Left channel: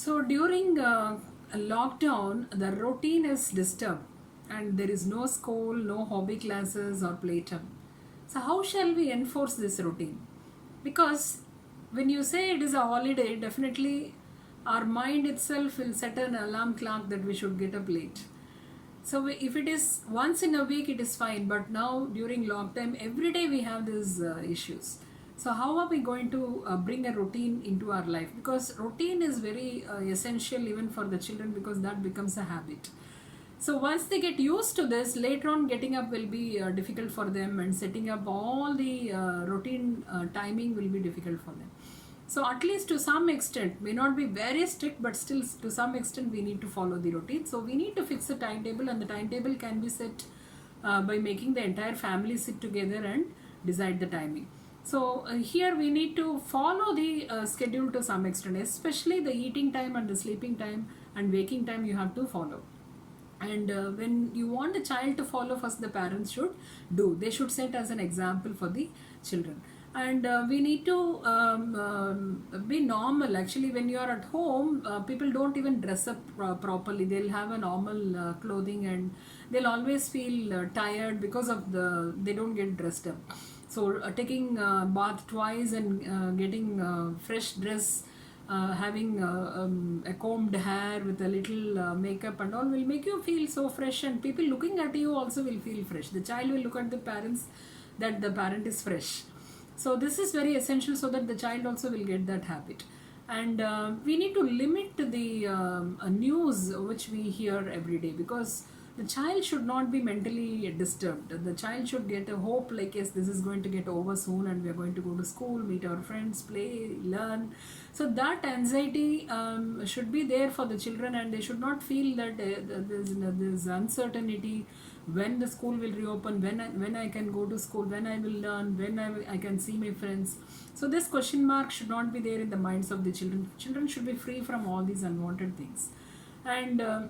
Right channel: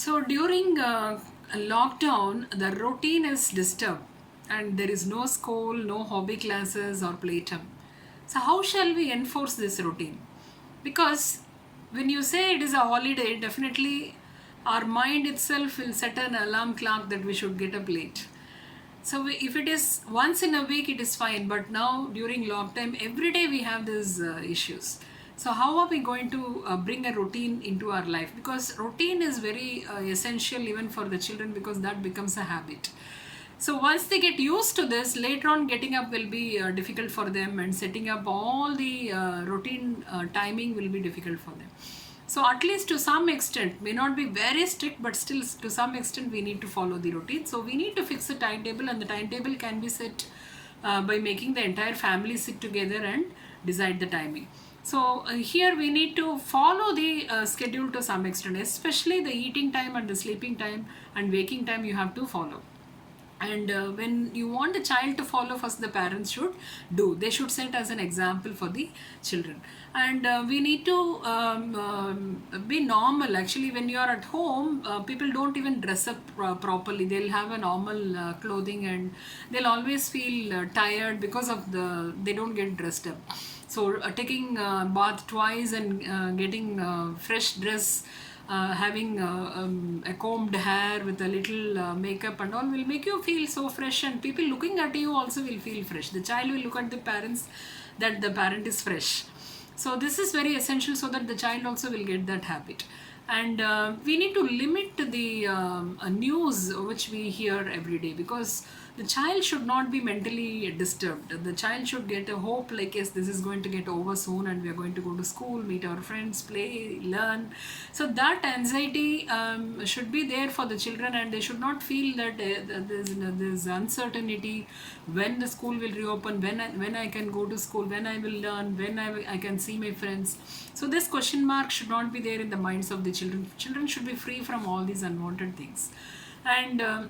So during a lockdown, the routine is disturbed and there is no school, no hobby classes or playtime. So how shall we enforce this routine? Because when you say it is a holiday, definitely our mind itself will set an alarm clock that we should get up late. So if it is once in a week, it is fine. But now during lockdown, every day we have these issues. So how are we going to bring a routine into our life? Because routine is very essential even for the children because that becomes a habit. So once they get used to this, later on getting up will be difficult for them, and setting up all the routine timing will be difficult for them. So at least to some extent, may not be very strict, but still to some extent we need to follow the routine. So we need to fix a timetable, and the timetable can be set by making the entire family sit together and decide the timing. So here we need to follow the schedule to some extent, especially the eating time and the sleeping time and waking time you have to follow. And when you want a child to follow, first the parents should do, they should set as an example for the children. And we need to be normal. Actually, when you are at home, people don't even dress up properly. They'll have a normal clothing, and they'll always feel tired because of they don't get dressed up. So taking bath twice and getting fresh dress, having a combed hair with a little makeup and all will make you feel so fresh, and people looking at you also will feel fresh. The child will look at the parents that the parent is fresh. So this is very essential so that the child also will get that habit. And we need to limit the news which we hear every day, because the child should not be mentally disturbed. The child should get a hope like, yes, this is going to get over soon and we are going to go to school, meet our friends, play, learn. So that anxiety should be there for the children, and they should not feel that there's uncertainty when the school will reopen, when I can go to school, when I will learn, when I can see my friends. So this question mark should not be there in the minds of the children. Children should be free from all these unwanted things. And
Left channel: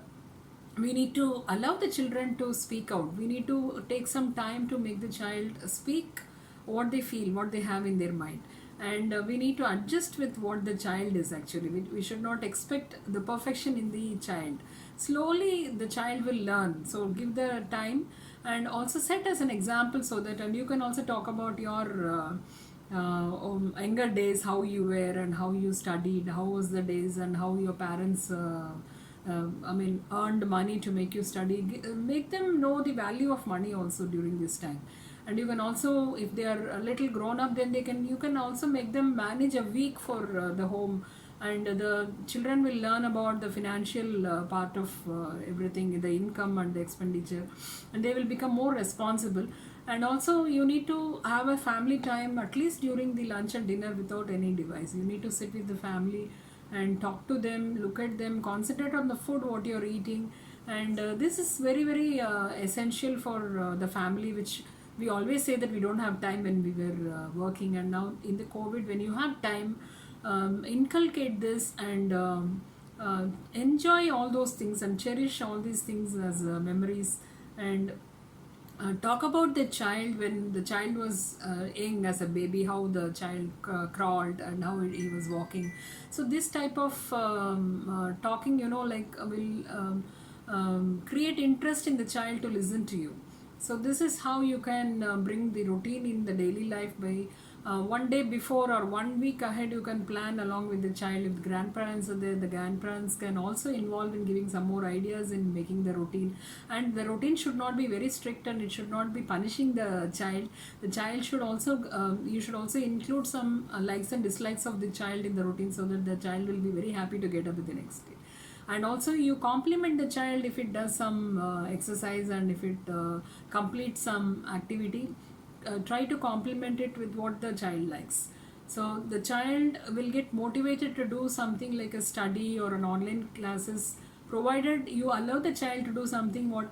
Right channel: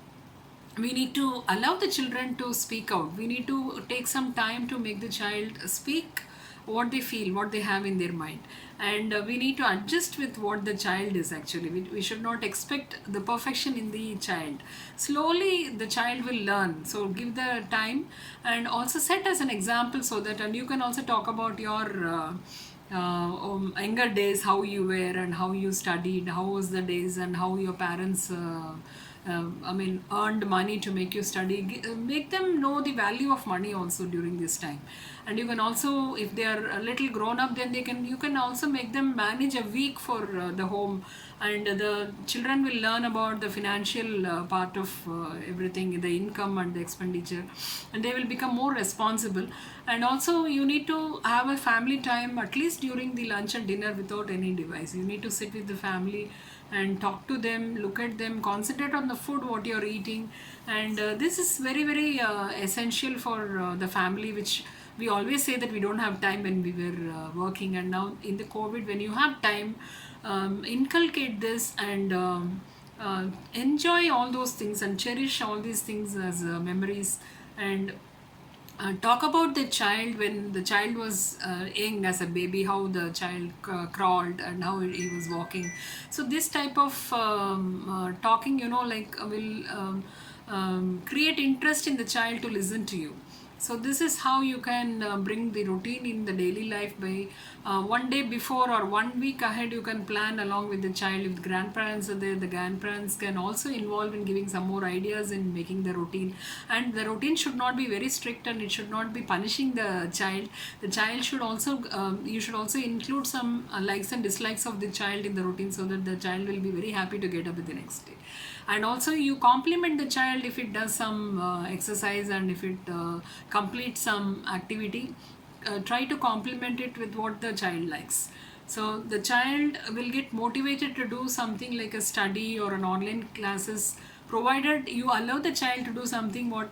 we need to allow the children to speak out. We need to take some time to make the child speak what they feel, what they have in their mind. And we need to adjust with what the child is actually. We should not expect the perfection in the child. Slowly the child will learn. So give the time, and also set as an example so that, and you can also talk about your younger days, how you were and how you studied, how was the days, and how your parents earned money to make you study. Make them know the value of money also during this time. And you can also, if they are a little grown up, then you can also make them manage a week for the home, and the children will learn about the financial part of everything, the income and the expenditure, and they will become more responsible. And also you need to have a family time, at least during the lunch and dinner, without any device. You need to sit with the family and talk to them, look at them, concentrate on the food what you're eating. And this is very very essential for the family, which we always say that we don't have time when we were working. And now in the COVID, when you have time, inculcate this, and enjoy all those things and cherish all these things as memories. And talk about the child when the child was young as a baby, how the child crawled and how he was walking. So this type of talking, will create interest in the child to listen to you. So this is how you can bring the routine in the daily life by one day before or 1 week ahead. You can plan along with the child. If the grandparents are there, the grandparents can also involve in giving some more ideas in making the routine. And the routine should not be very strict, and it should not be punishing the child. The child should also, you should also include some likes and dislikes of the child in the routine, so that the child will be very happy to get up the next day. And also you compliment the child if it does some exercise, and if it completes some activity. Try to complement it with what the child likes. So the child will get motivated to do something like a study or an online classes, provided you allow the child to do something what